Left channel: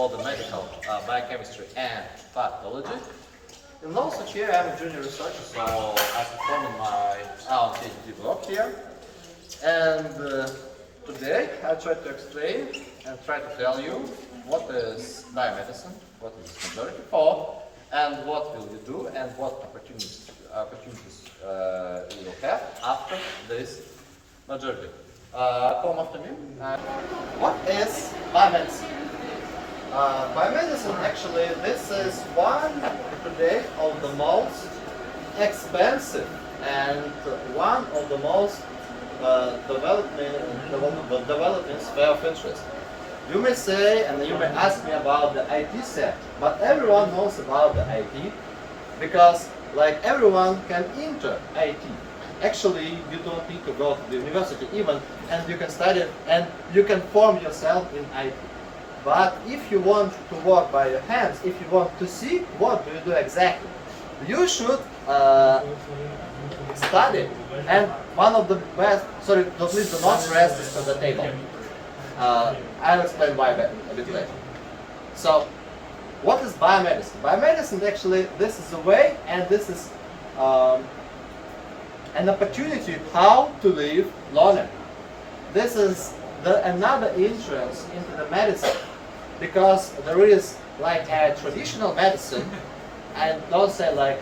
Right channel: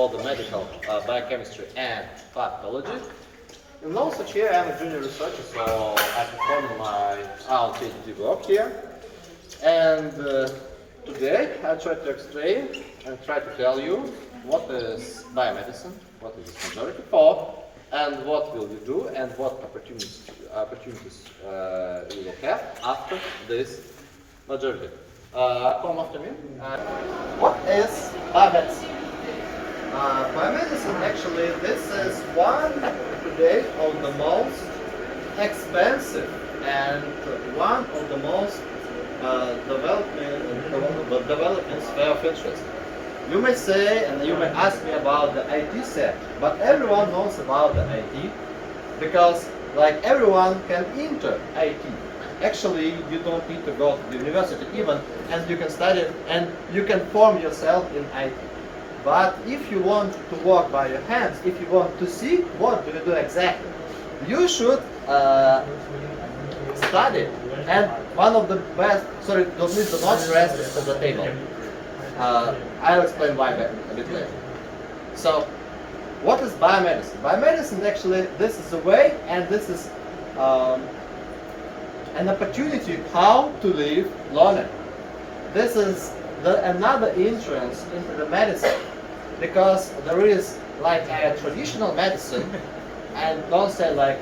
all the medical biochemistry and pathology. And also here I am a junior researcher, so I perform my own PhD work here. And today I try to explain and try to tell you what is biomedicine, what is this majority for, and what will we do, and what opportunities we will have after this majority. Come after me. What is biomedicine? Biomedicine, actually, this is one today of the most expensive and one of the most developing sphere of interest. You may say, and you may ask me about the IT sector, but everyone knows about the IT because, like, everyone can enter IT. Actually, you don't need to go to the university even, and you can study and you can form yourself in IT. But if you want to work by your hands, if you want to see what do you do exactly, you should study. And one of the best, sorry, please do not press this to the table. I'll explain why a bit later. So, what is biomedicine? Biomedicine, actually, this is a way, and this is an opportunity how to live longer. This is another entrance into the medicine, because there is like a traditional medicine, and don't say like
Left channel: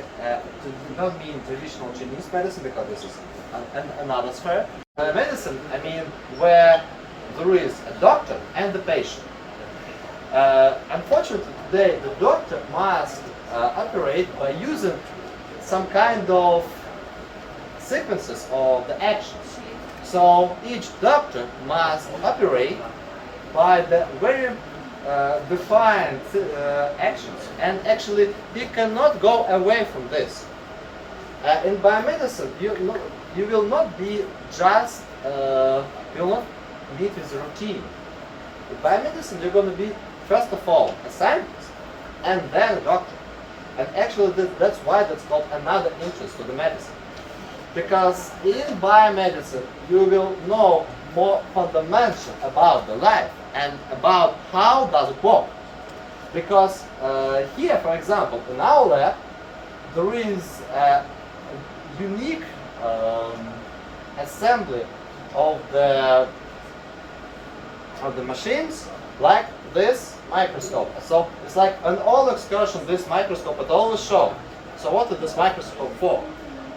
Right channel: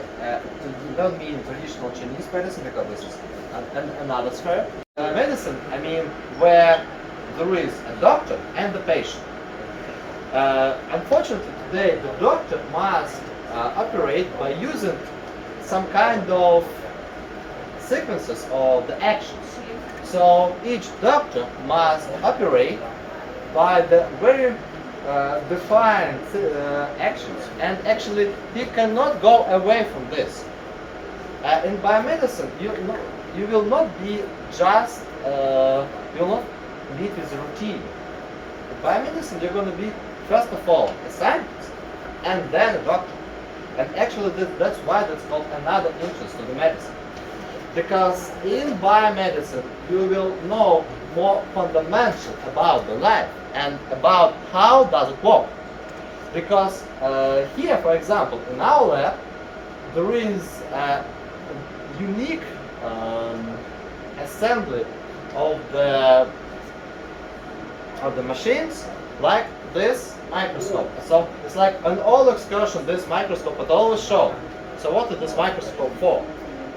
don't mean traditional Chinese medicine, because this is another sphere. Medicine, I mean, where there is a doctor and the patient. Unfortunately, today the doctor must operate by using some kind of sequences of the actions. So each doctor must operate by the very defined actions, and actually he cannot go away from this. In biomedicine, you will not be just you will not live with routine. In biomedicine, you're going to be first of all a scientist and then a doctor. And actually, that's why that's called another interest to the medicine. Because in biomedicine, you will know more fundamental about the life and about how does it work. Because here, for example, in our lab, there is a unique assembly of the machines, like this microscope. So it's like an all excursion, this microscope, it always shows. So what is this microscope for?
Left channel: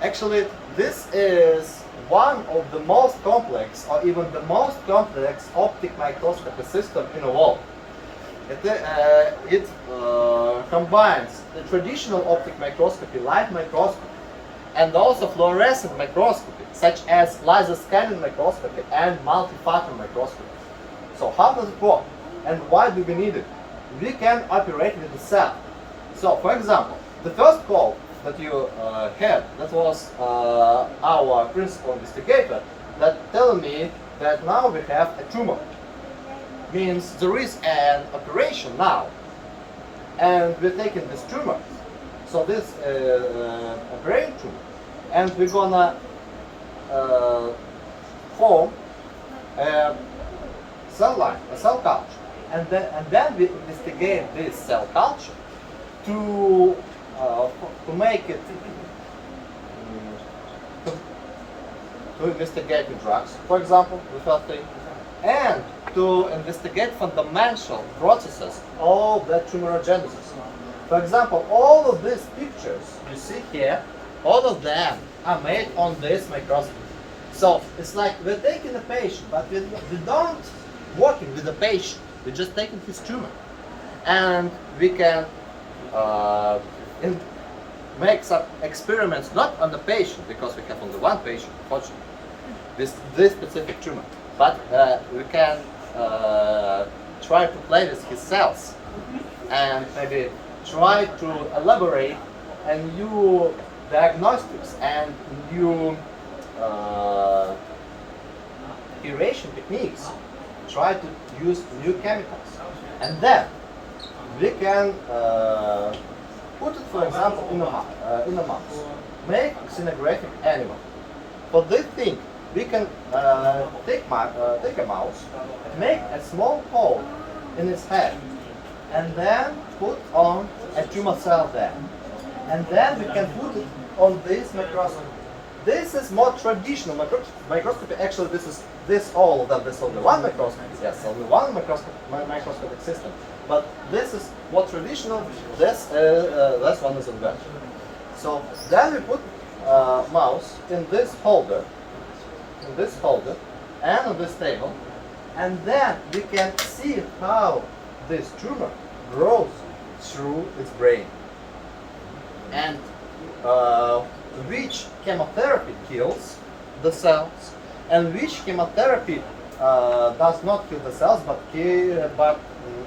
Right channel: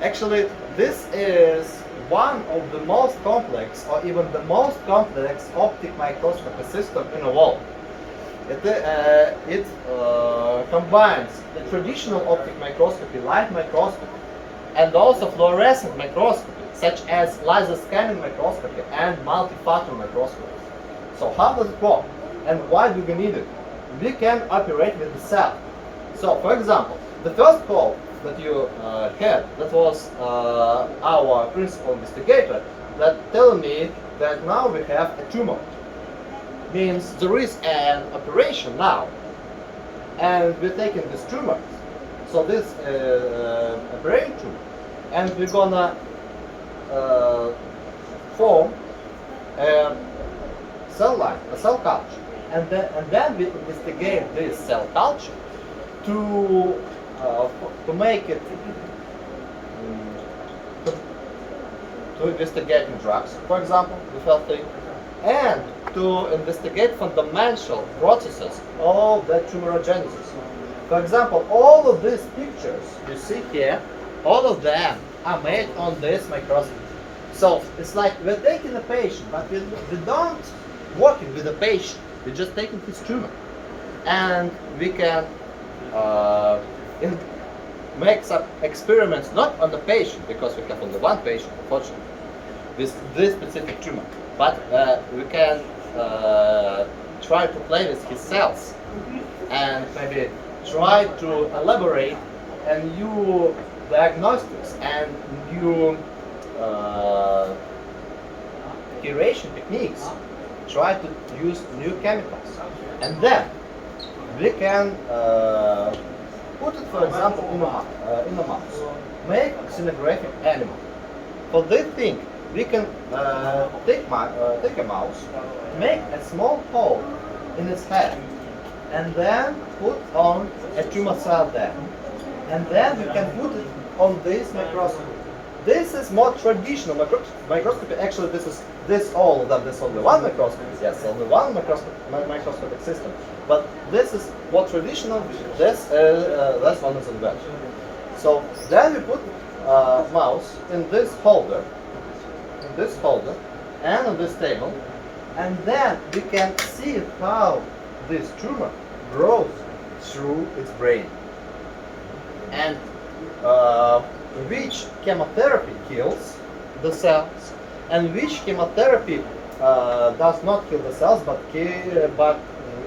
Actually, this is one of the most complex, or even the most complex optic microscopy system in the world. It combines the traditional optic microscopy, light microscopy, and also fluorescent microscopy, such as laser scanning microscopy and multi-factor microscopy. So how does it work? And why do we need it? We can operate with the cell. So, for example, the first call that you had, that was our principal investigator that told me that now we have a tumor. Means there is an operation now, and we're taking this tumor. So this a brain tumor, and we're gonna form a cell line, a cell culture, and then we investigate this cell culture to make it to investigate drugs, for example, the first thing, and to investigate fundamental processes of the tumorigenesis. For example, all of these pictures you see here, all of them are made on this microscope. So it's like we're taking a patient, but we don't working with the patient. We're just taking his tumor, and we can make some experiments not on the patient, because we have only one patient, unfortunately, with this specific tumor. But we can try to play with his cells and maybe try to elaborate a new diagnostics and new curation techniques. Try to use new chemicals, and then we can put it, for example, in a mouse, make xenographic animal. For this thing, we can take a mouse, make a small hole in its head, and then put on a tumor cell there. And then you can put it on this microscope. This is more traditional microscopy. Actually, this all of them. This only one microscopy. Yes, only one microscopic system. But this is more traditional. This one is invention. So then we put mouse in this holder, and on this table, and then we can see how this tumor grows through its brain, and which chemotherapy kills the cells, and which chemotherapy does not kill the cells but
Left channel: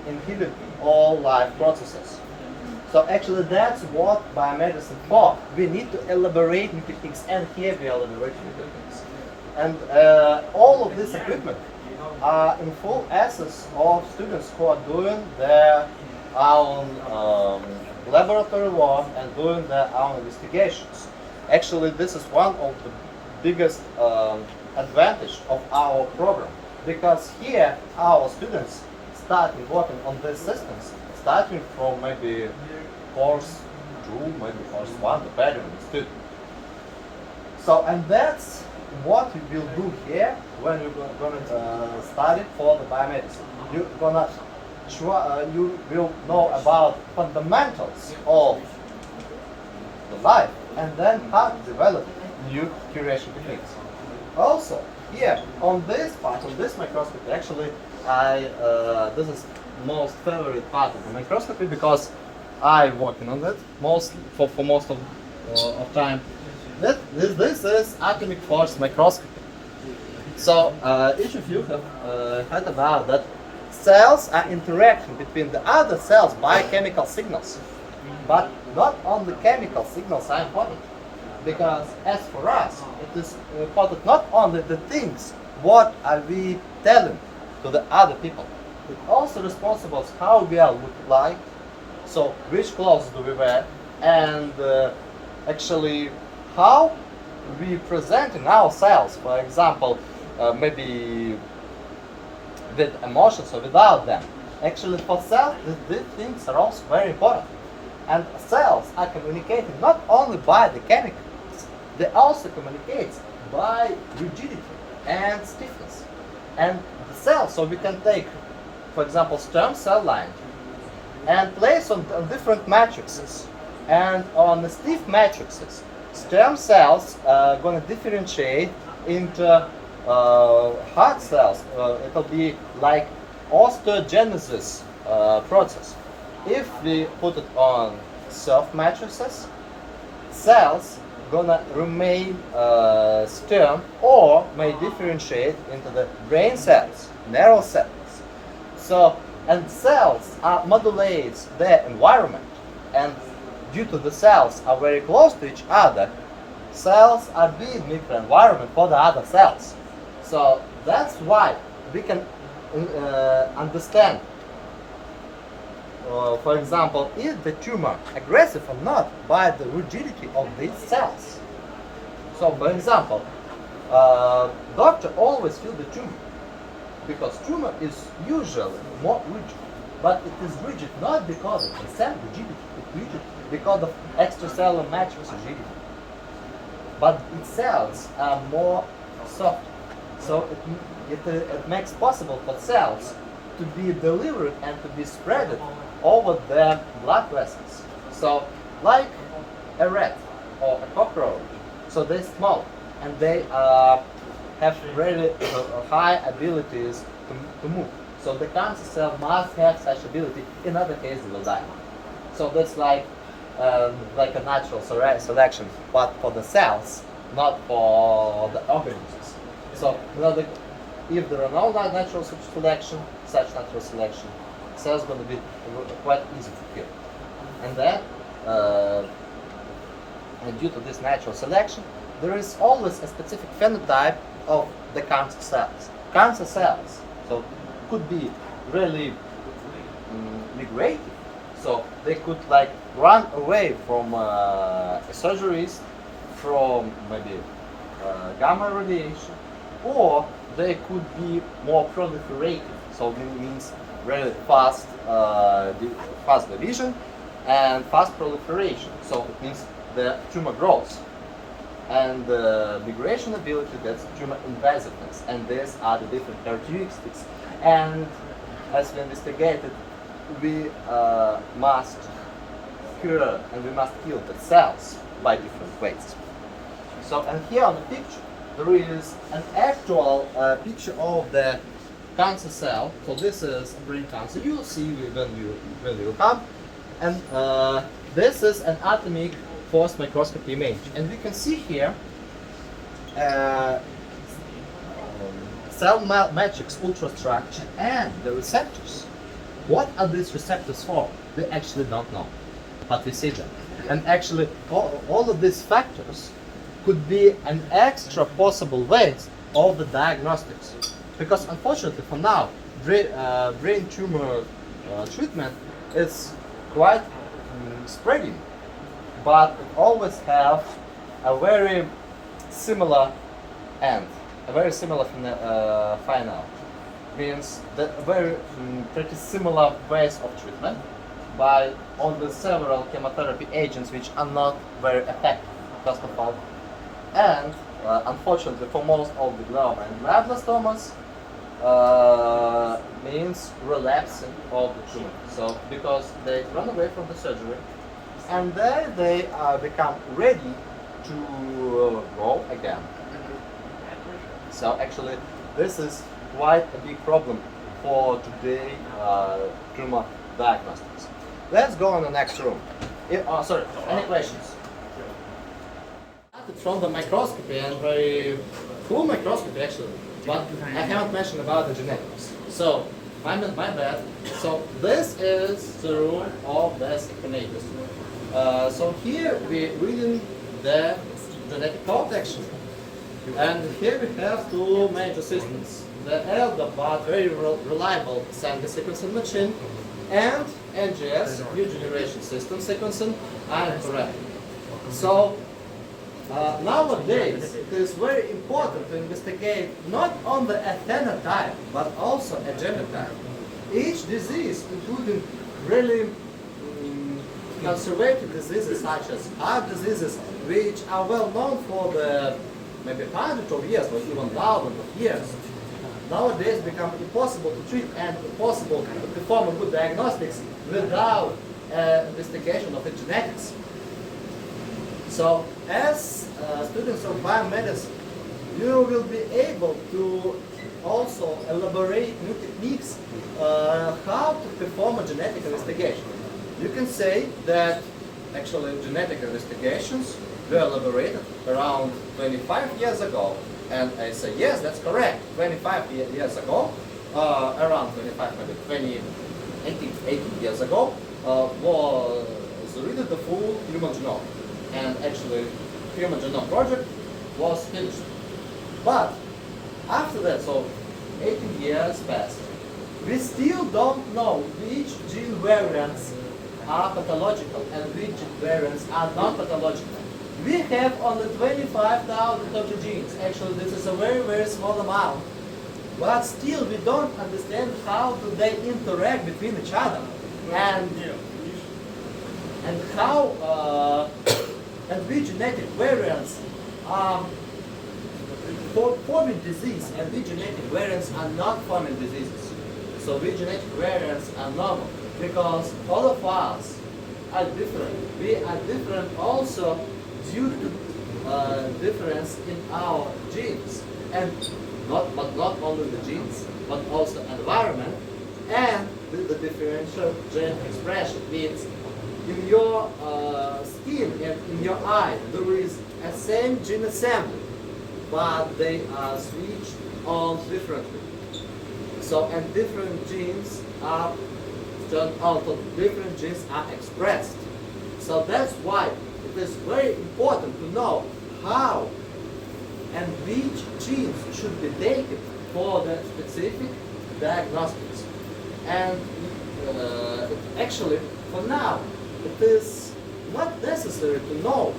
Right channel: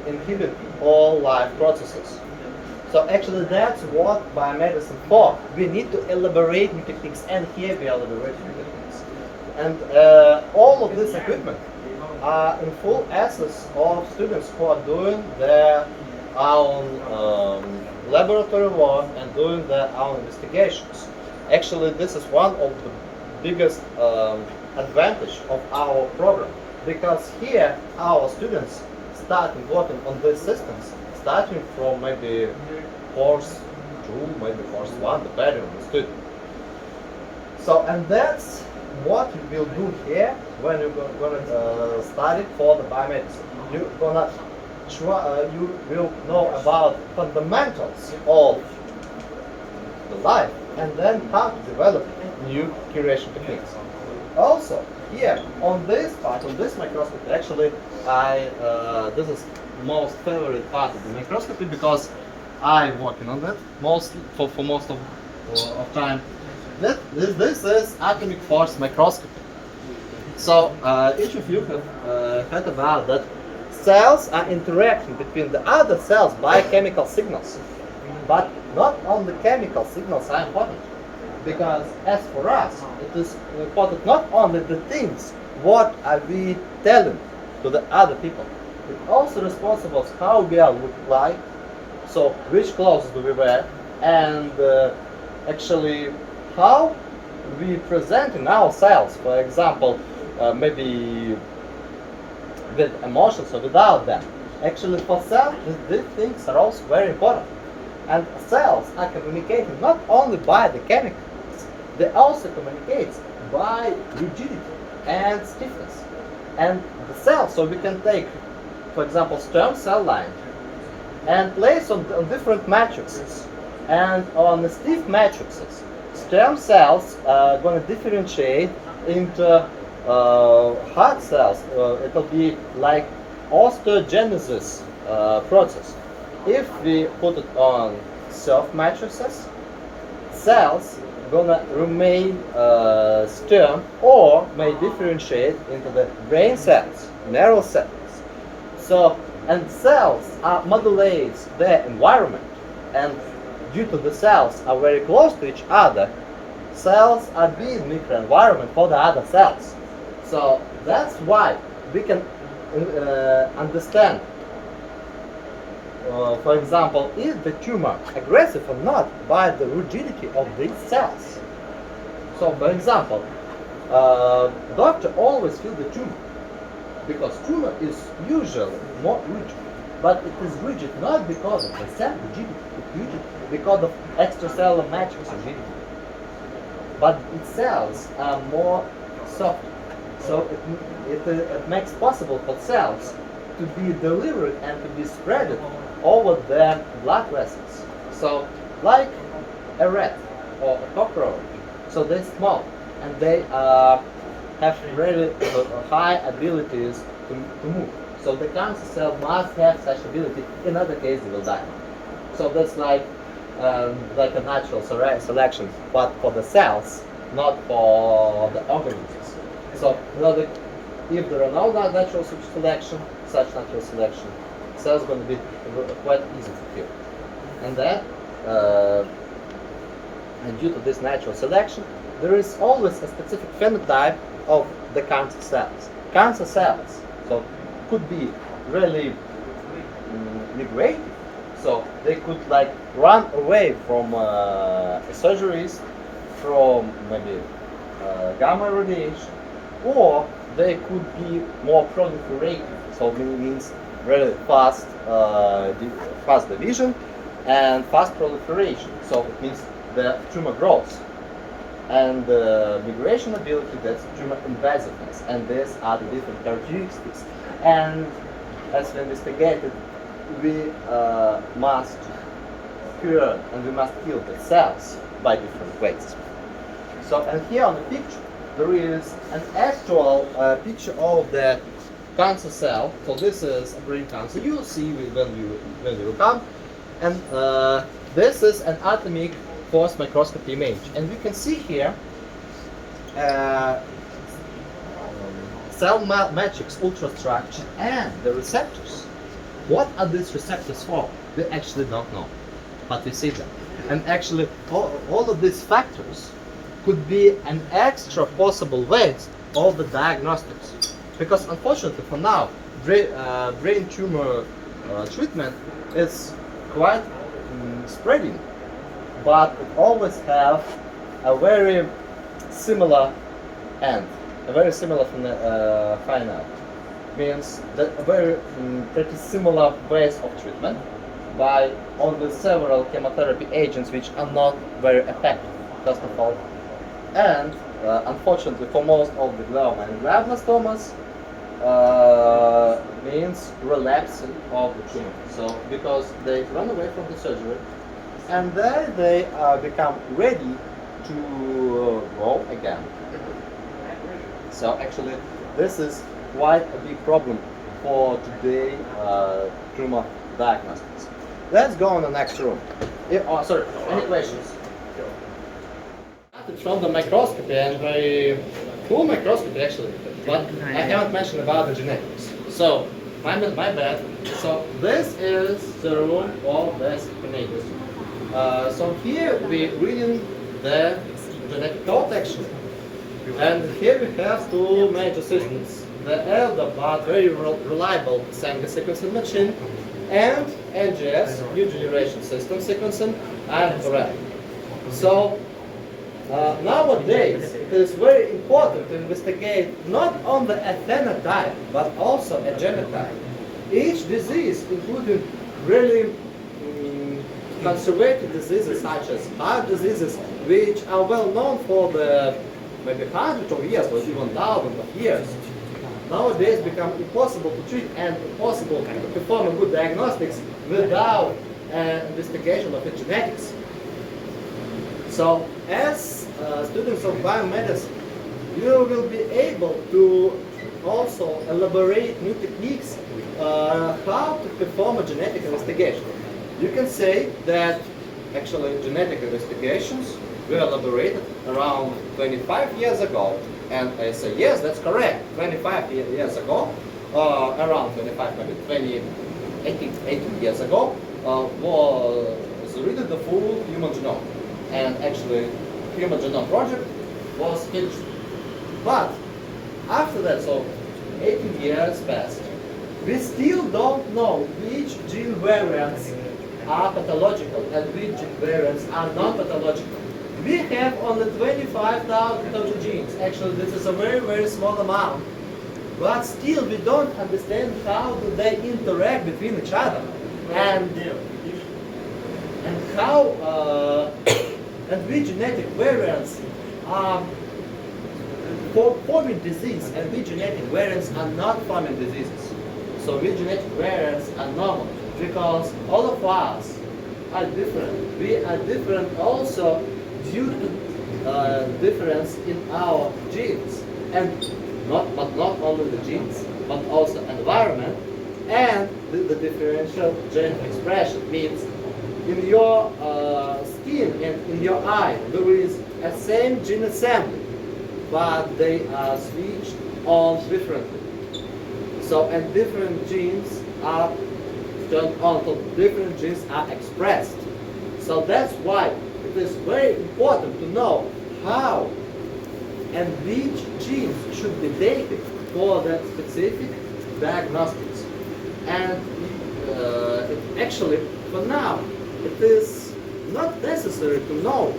inhibit all life processes. So actually that's what biomedicine for. We need to elaborate new techniques, and here we are elaborating new techniques. And all of this equipment are in full access of students who are doing their own laboratory work and doing their own investigations. Actually, this is one of the biggest advantage of our program, because here our students starting working on these systems, starting from maybe course 2, maybe course 1, depending on the student. So, and that's what we will do here when you're gonna study for the biomedicine. You're gonna you will know about fundamentals of the life, and then how to develop new curation techniques. Also, here on this part, on this microscopy, actually, this is most favorite part of the microscopy because I'm working on it for most of time. This is atomic force microscopy. So each of you have heard about that cells are interacting between the other cells by chemical signals. But not only chemical signals are important, because as for us, it is important not only the things what are we telling to the other people, it also responsible for how we are look like, so which clothes do we wear, and actually how we present in ourselves. For example, maybe with emotions or without them. Actually, for cells, these things are also very important. And cells are communicating not only by the chemicals, they also communicate by rigidity and stiffness. And the cells, so we can take, for example, stem cell line and place on different matrices. And on the stiff matrices, stem cells are going to differentiate into hard cells. It will be like osteogenesis process. If we put it on soft matrices, cells gonna remain stem or may differentiate into the brain cells, narrow cells. So, and cells modulate their environment, and due to the cells are very close to each other, cells are being microenvironment for the other cells. So that's why we can understand, for example, is the tumor aggressive or not by the rigidity of these cells. So, for example, doctor always feel the tumor because tumor is usually more rigid, but it is rigid not because of the cell rigidity, it's rigid because of extracellular matrix rigidity. But its cells are more soft, so it makes possible for cells to be delivered and to be spread over the blood vessels. So, like a rat or a cockroach, so they're small and they have really high abilities to move. So the cancer cell must have such ability. In other cases, they will die. So that's like a natural selection, but for the cells, not for the organisms. So if there are no natural selection, cells are going to be quite easy to kill. And then, and due to this natural selection, there is always a specific phenotype of the cancer cells. Cancer cells, so could be really migrative, so they could like run away from surgeries, from maybe gamma radiation, or they could be more proliferative, so it means very fast, fast division and fast proliferation. So it means the tumor grows. And the migration ability, that's tumor invasiveness. And these are the different characteristics. And as we investigated, we must cure and we must kill the cells by different ways. So, and here on the picture, there is an actual picture of the cancer cell. So this is brain cancer. You will see when we look up. And this is an atomic force microscopy image. And we can see here cell matrix ultrastructure and the receptors. What are these receptors for? We actually don't know, but we see them. And actually, all of these factors could be an extra possible ways of the diagnostics. Because unfortunately for now, brain tumor treatment is quite spreading, but it always have a very similar end, a very similar final. Means that a very pretty similar ways of treatment by only several chemotherapy agents which are not very effective, first of all. And unfortunately for most of the glioma and glioblastomas, means relapsing of the tumor. So because they run away from the surgery and then they become ready to grow again. So actually this is quite a big problem for today tumor diagnostics. Let's go on the next room. Sorry, any questions? From the microscopy and very full microscopy actually, but I haven't mentioned about the genetics. So, my bad. So this is the room of the sequenators. So here we're reading the genetic code actually. And here we have two major systems. The elder but very reliable sample sequencing machine and NGS, new generation system sequencing, and correct. So nowadays it is very important to investigate not only a phenotype but also a genotype. Each disease, including really conservative diseases such as heart diseases, which are well known for the maybe hundreds of years or even thousands of years, nowadays become impossible to treat and impossible to perform a good diagnostics without investigation of the genetics. So as students of biomedicine, you will be able to also elaborate new techniques how to perform a genetic investigation. You can say that actually genetic investigations were elaborated around 25 years ago. And I say, yes, that's correct. 25 years ago, around 25, maybe 20, 18 years ago, was written the full human genome. And actually, human genome project was finished. But after that, so 18 years passed, we still don't know which gene variants are pathological and which gene variants are non-pathological. We have only 25,000 total genes. Actually, this is a very, very small amount. But still, we don't understand how do they interact between each other. And how, and which genetic variants are forming disease and which genetic variants are not forming diseases. So which genetic variants are normal. Because all of us are different. We are different also due to difference in our genes, and not only the genes, but also environment and the differential gene expression. Means in your skin and in your eye there is a same gene assembly, but they are switched on differently. So and different genes are turned on, so different genes are expressed. So that's why it is very important to know how and which genes should be taken for that specific diagnostics. And actually, for now, it is not necessary to know,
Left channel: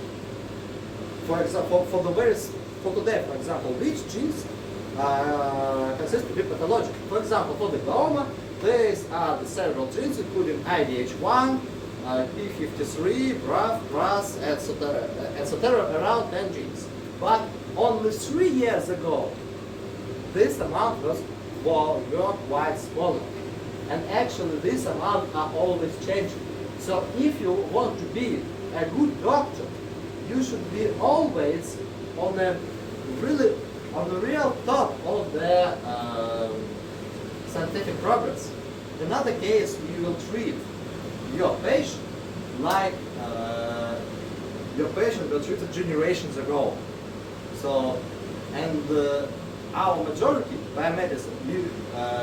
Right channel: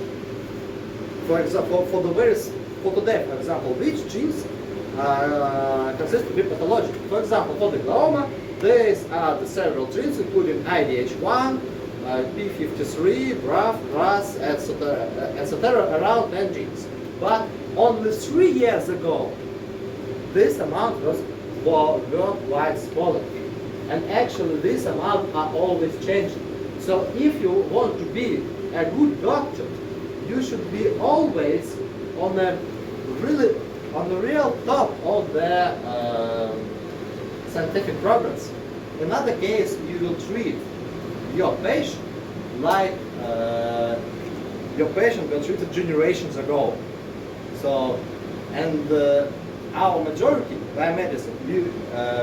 for example, for today, which genes consist to be pathological. For example, for the glioma, these are the several genes, including IDH1, P53, BRAF, RAS, etc. Around 10 genes. But only 3 years ago, this amount were quite smaller. And actually, this amount are always changing. So if you want to be a good doctor, you should be always on the real top of the scientific progress. In other case, you will treat your patient like your patient was treated generations ago. So, and our majority biomedicine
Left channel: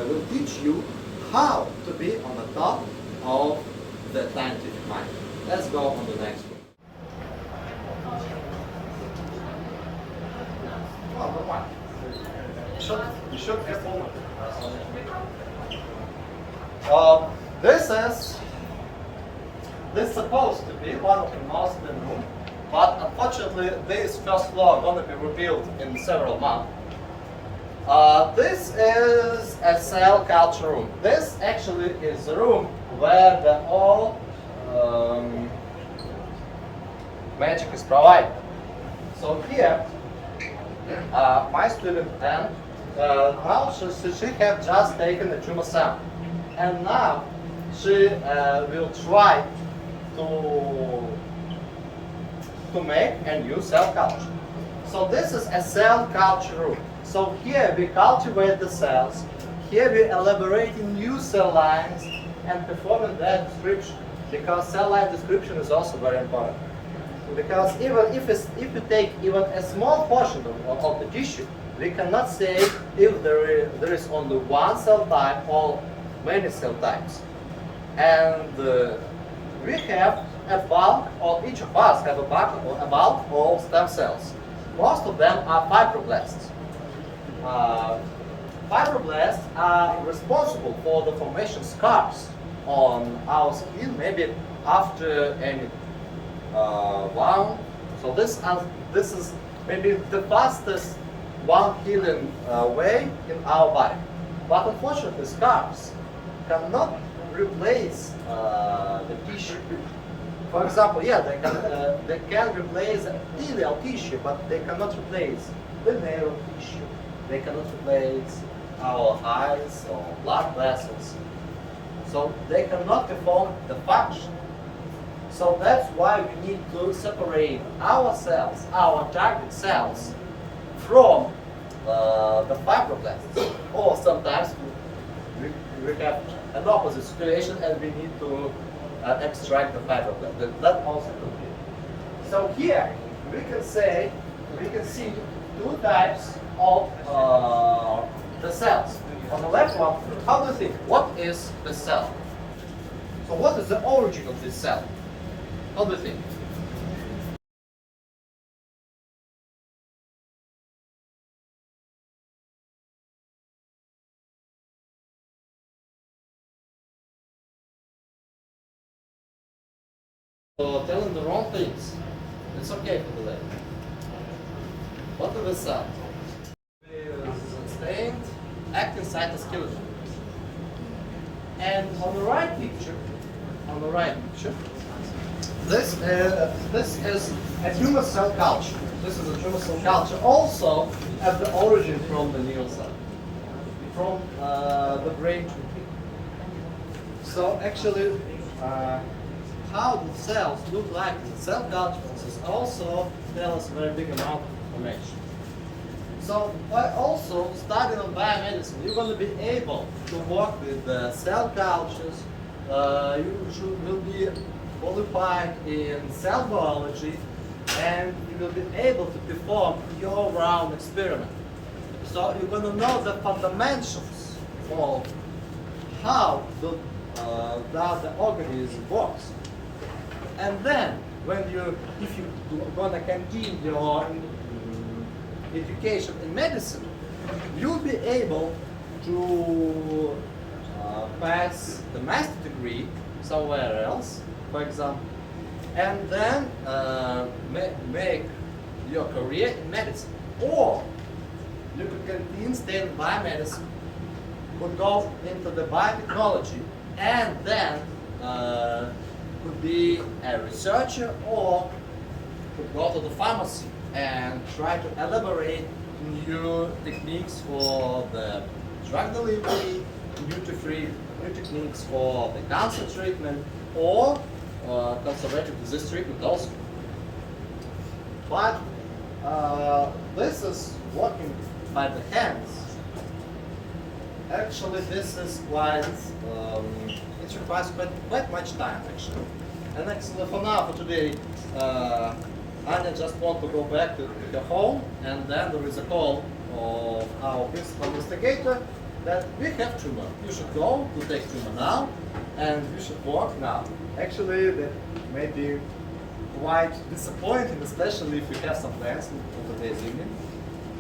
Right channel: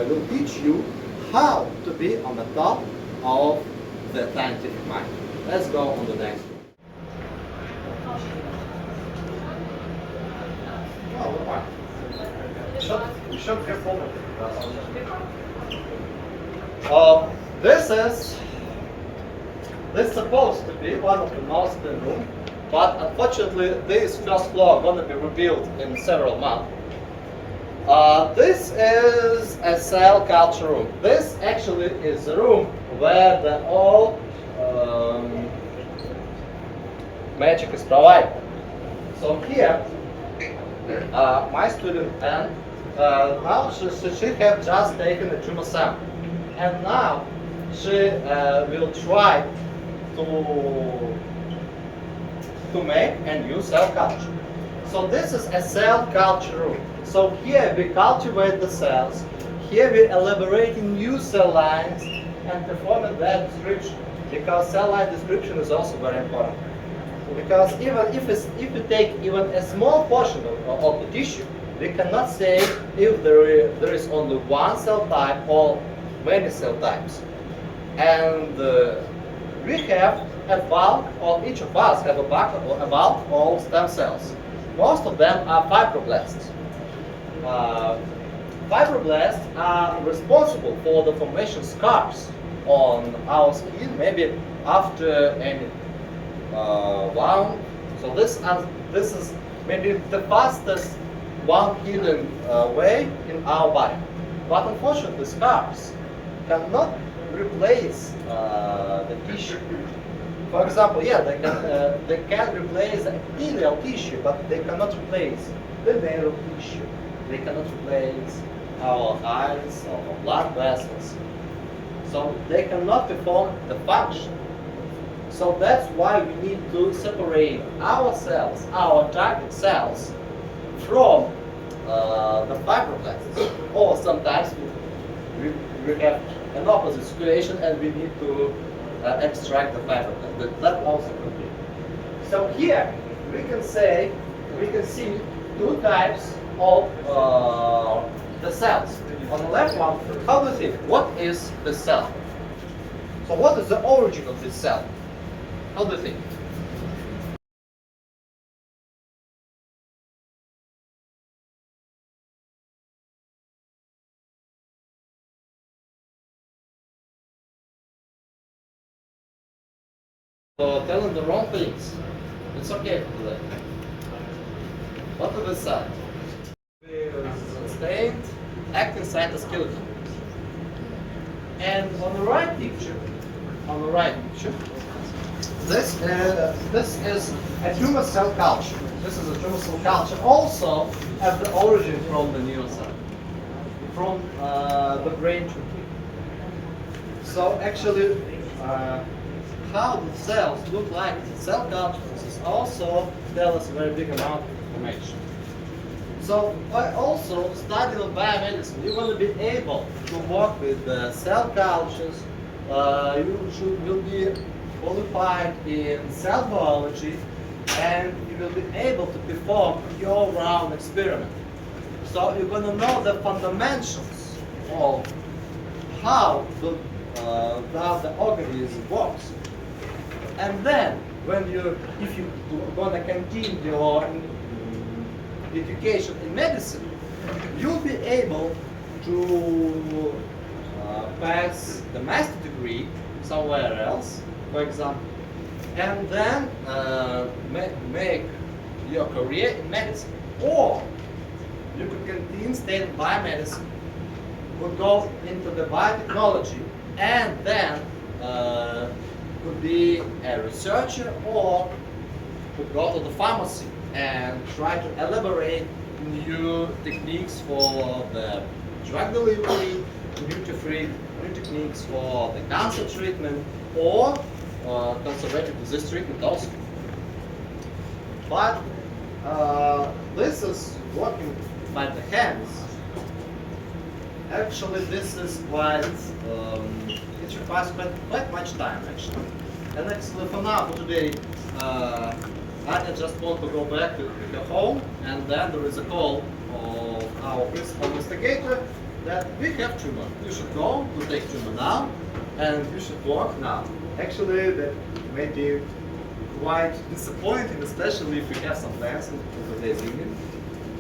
will teach you how to be on the top of the scientific mind. Let's go on the next one. You should get forward. This is supposed to be one of the most in room, but unfortunately this first floor is going to be rebuilt in several months. This is a cell culture room. This actually is the room where the all magic is provided. So here, my student Anne, now she have just taken a tumor sample, and now she will try to make a new cell culture. So this is a cell culture room. So here we cultivate the cells, here we elaborate new cell lines and perform their description, because cell line description is also very important. Because even if you take even a small portion of the tissue, we cannot say if there is only one cell type or many cell types. And we have a bulk, or each of us have a bulk of stem cells. Most of them are fibroblasts. Fibroblasts are responsible for the formation of scars on our skin, maybe after any wound. So this is maybe the fastest wound healing way in our body. But unfortunately, scars cannot replace the tissue. For example, yeah, they can replace iliac tissue, but they cannot replace the nail tissue. They cannot replace our eyes or blood vessels. So they cannot perform the function. So that's why we need to separate our cells, our target cells, from the fibroblasts. Or sometimes we have an opposite situation and we need to extract the fibroblasts. That also could be. So here we can see two types of the cells. On the left one, how do you think? What is the cell? So what is the origin of this cell? How do you think? So telling the wrong things. It's okay for today. What is the cell? Sustained actin cytoskeleton. And on the right picture, this is a tumor cell culture. This is a tumor cell culture, also at the origin from the neuron cell, from the brain tumor. So actually, how the cells look like in cell cultures is also tell us a very big amount of information. So by also studying biomedicine, you're going to be able to work with cell cultures. You will be qualified in cell biology, and you will be able to perform your round experiment. So you're going to know the fundamentals of how the organism works. And then, if you're going to continue your education in medicine, you'll be able to pass the master degree somewhere else, for example, and then make your career in medicine. Or you could continue studying biomedicine, would go into the biotechnology and then could be a researcher or could go to the pharmacy and try to elaborate new techniques for the drug delivery, duty-free new techniques for the cancer treatment or conservative disease treatment also. But this is working by the hands. Actually, this is quite, it requires quite much time actually. And actually for now, for today, Anya just want to go back to her home, and then there is a call of our principal investigator that we have tumor. You should go to take tumor now, and you should work now. Actually, that may be quite disappointing, especially if we have some plans in today's evening.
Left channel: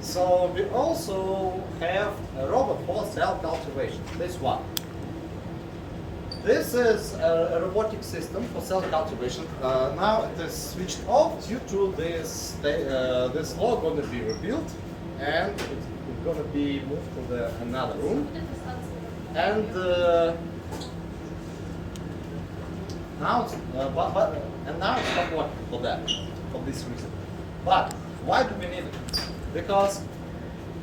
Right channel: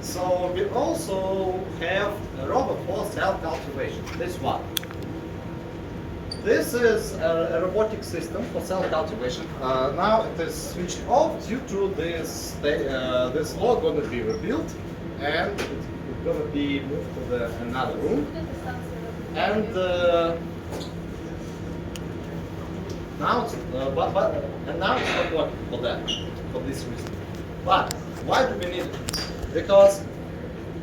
So we also have a robot for cell cultivation. This one. This is a robotic system for cell cultivation. Now it is switched off due to this. This law going to be rebuilt, and it's going to be moved to another room. And now it's now it's not working for that, for this reason. But why do we need it? Because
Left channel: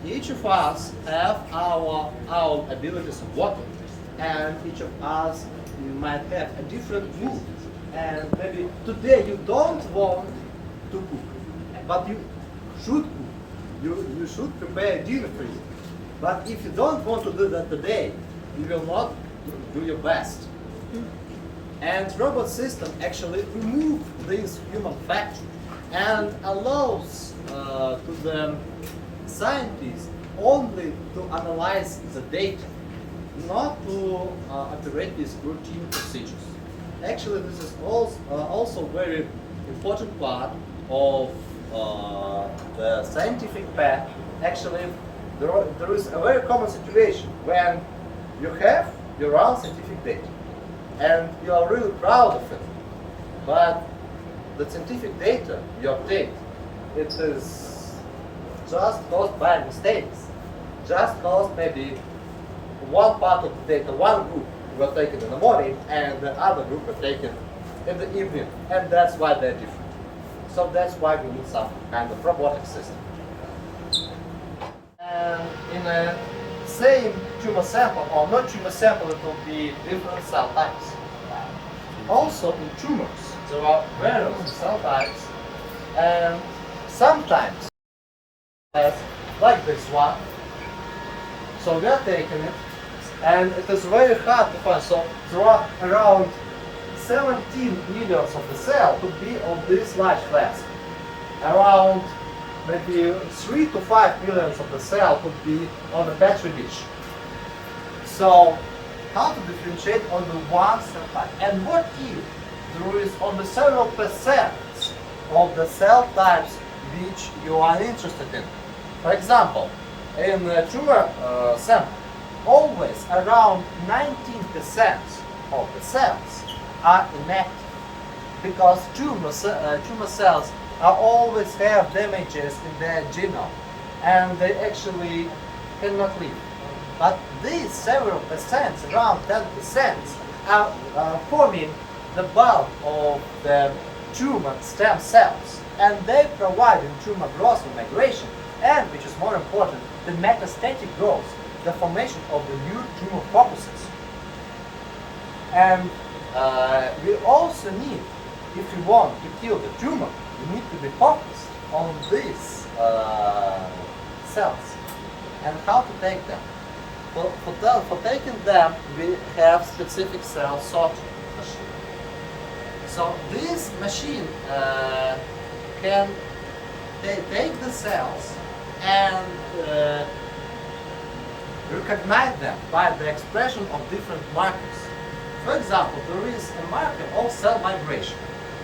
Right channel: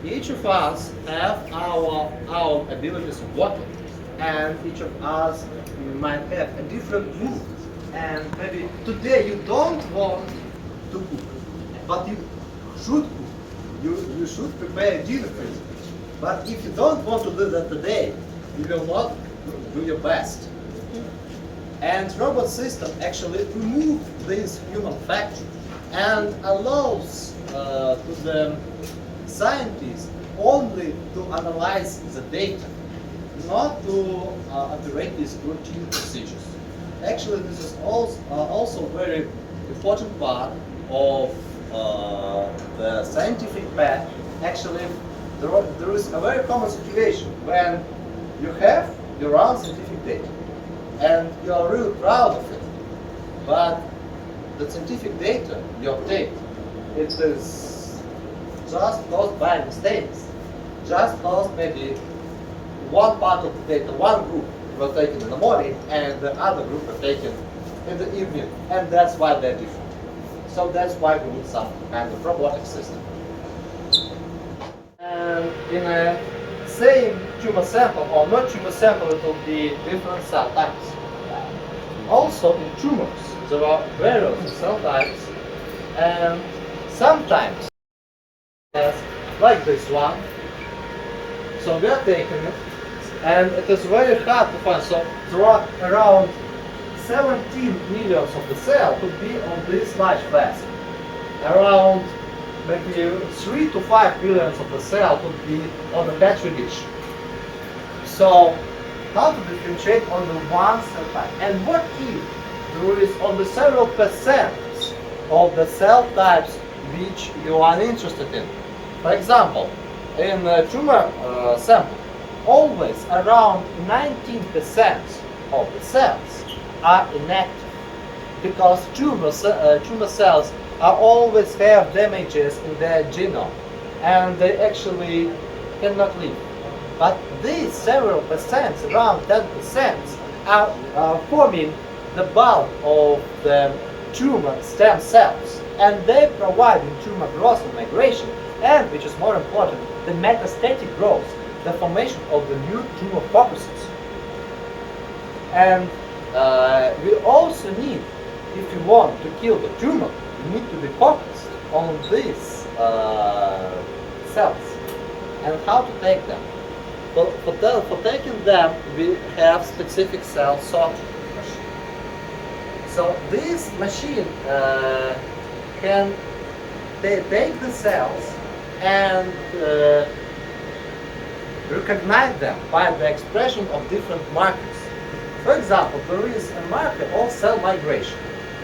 each of us have our abilities of working, and each of us might have a different mood. And maybe today you don't want to cook, but you should cook. You should prepare dinner for you. But if you don't want to do that today, you will not do your best. And robot system actually remove this human factor and allows to the scientists only to analyze the data, not to operate these routine procedures. Actually, this is also very important part of the scientific path. Actually, there is a very common situation when you have your own scientific data and you are really proud of it, but the scientific data you obtain, it is just caused by mistakes, just caused maybe one part of the data, one group were taken in the morning and the other group were taken in the evening, and that's why they're different. So that's why we need some kind of robotic system. And in a same tumor sample or not tumor sample, it will be different cell types. Also in tumors, there are various cell types, and sometimes, like this one, so we are taking it, and it is very hard to find. So there are around 17 millions of the cell could be on this large flask. Around maybe 3 to 5 billions of the cell could be on the petri dish. So how to differentiate on the one cell type? And what if there is on the several percent of the cell types which you are interested in? For example, in a tumor sample, always around 19% of the cells are inactive, because tumor cells are always have damages in their genome and they actually cannot live. But these several percents, around 10%, are forming the bulk of the tumor stem cells, and they provide in tumor growth and migration, and which is more important, the metastatic growth, the formation of the new tumor focuses. And we also need, if you want to kill the tumor, you need to be focused on these cells and how to take them. For taking them, we have specific cell sorting machine. So this machine can take the cells and recognize them by the expression of different markers. For example, there is a marker of cell migration.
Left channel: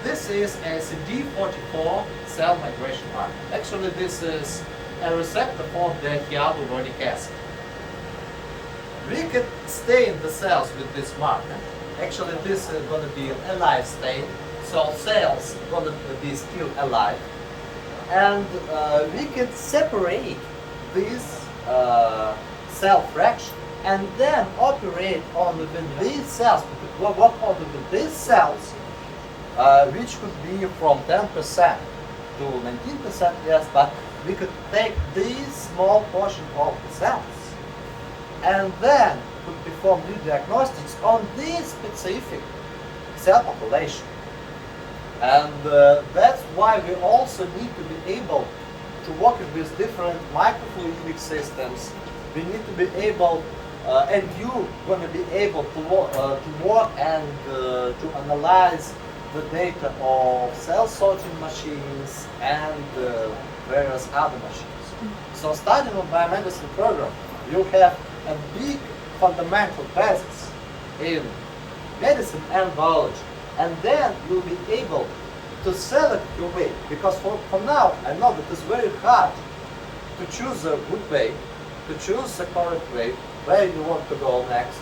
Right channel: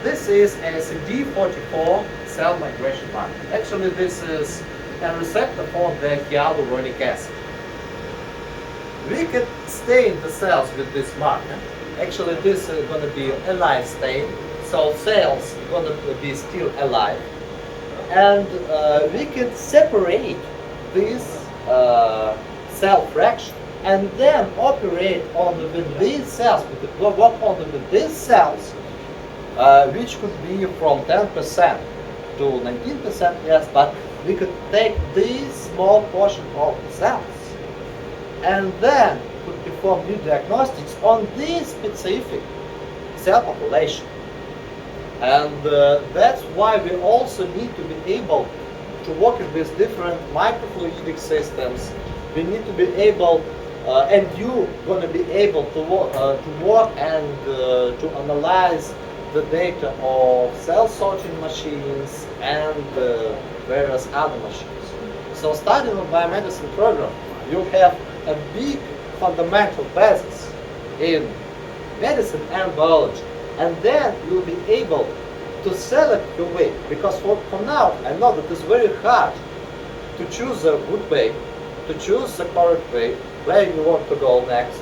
This is a CD44 cell migration marker. Actually, this is a receptor for the hyaluronic acid. We can stain the cells with this marker. Actually, this is going to be a live stain, so cells are going to be still alive. And we can separate this cell fraction and then operate on within these cells. We could work on within these cells, which could be from 10% to 19%, yes, but we could take this small portion of the cells and then could perform new diagnostics on this specific cell population. And that's why we also need to be able to work with different microfluidic systems. We need to be able, and you gonna be able to work and to analyze the data of cell sorting machines and various other machines. So starting on biomedicine program, you have a big fundamental basis in medicine and biology, and then you'll be able to select your way, because for now I know that it's very hard to choose a good way, to choose the correct way, where you want to go next.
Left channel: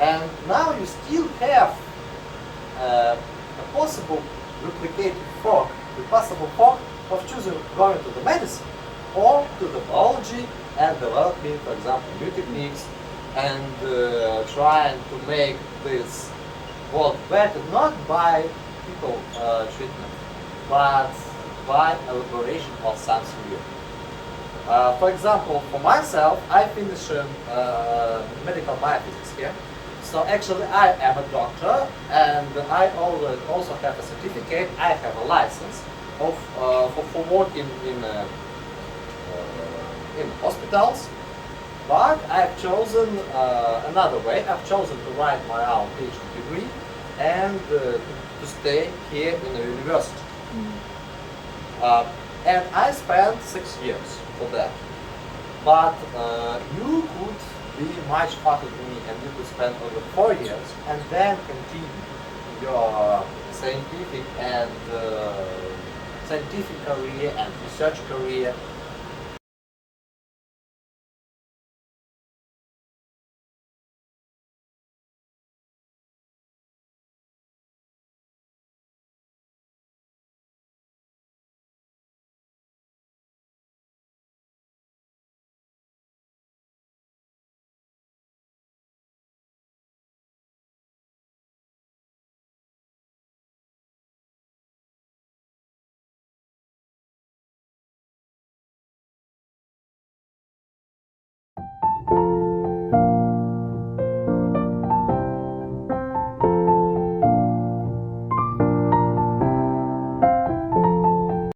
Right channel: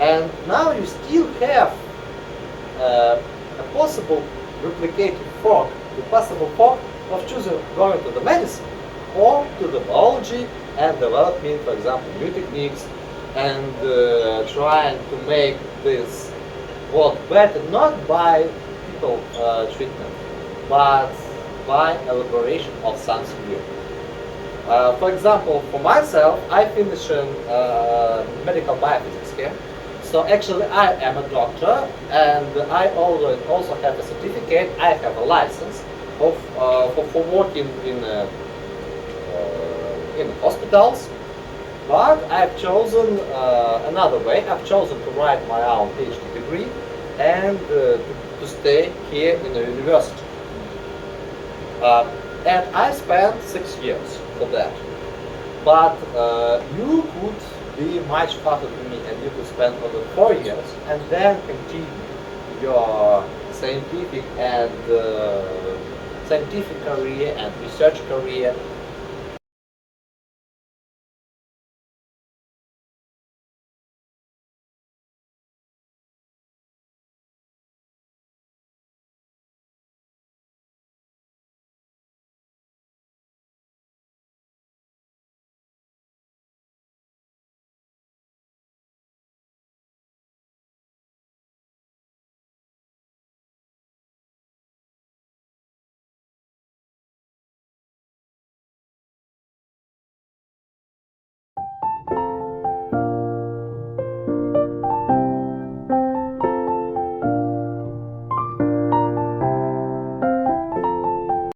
And now you still have a possible replicative fork, the possible fork of choosing going to the medicine or to the biology and developing, for example, new techniques and trying to make this work better, not by people treatment, but by elaboration of something new. For example, for myself, I finished medical biophysics here. So actually I am a doctor, and I also have a certificate, I have a license for working in hospitals, but I've chosen another way. I've chosen to write my own PhD degree and to stay here in the university. And I spent 6 years for that. But you could be much faster than me, and you could spend over 4 years and then continue your scientific career and research career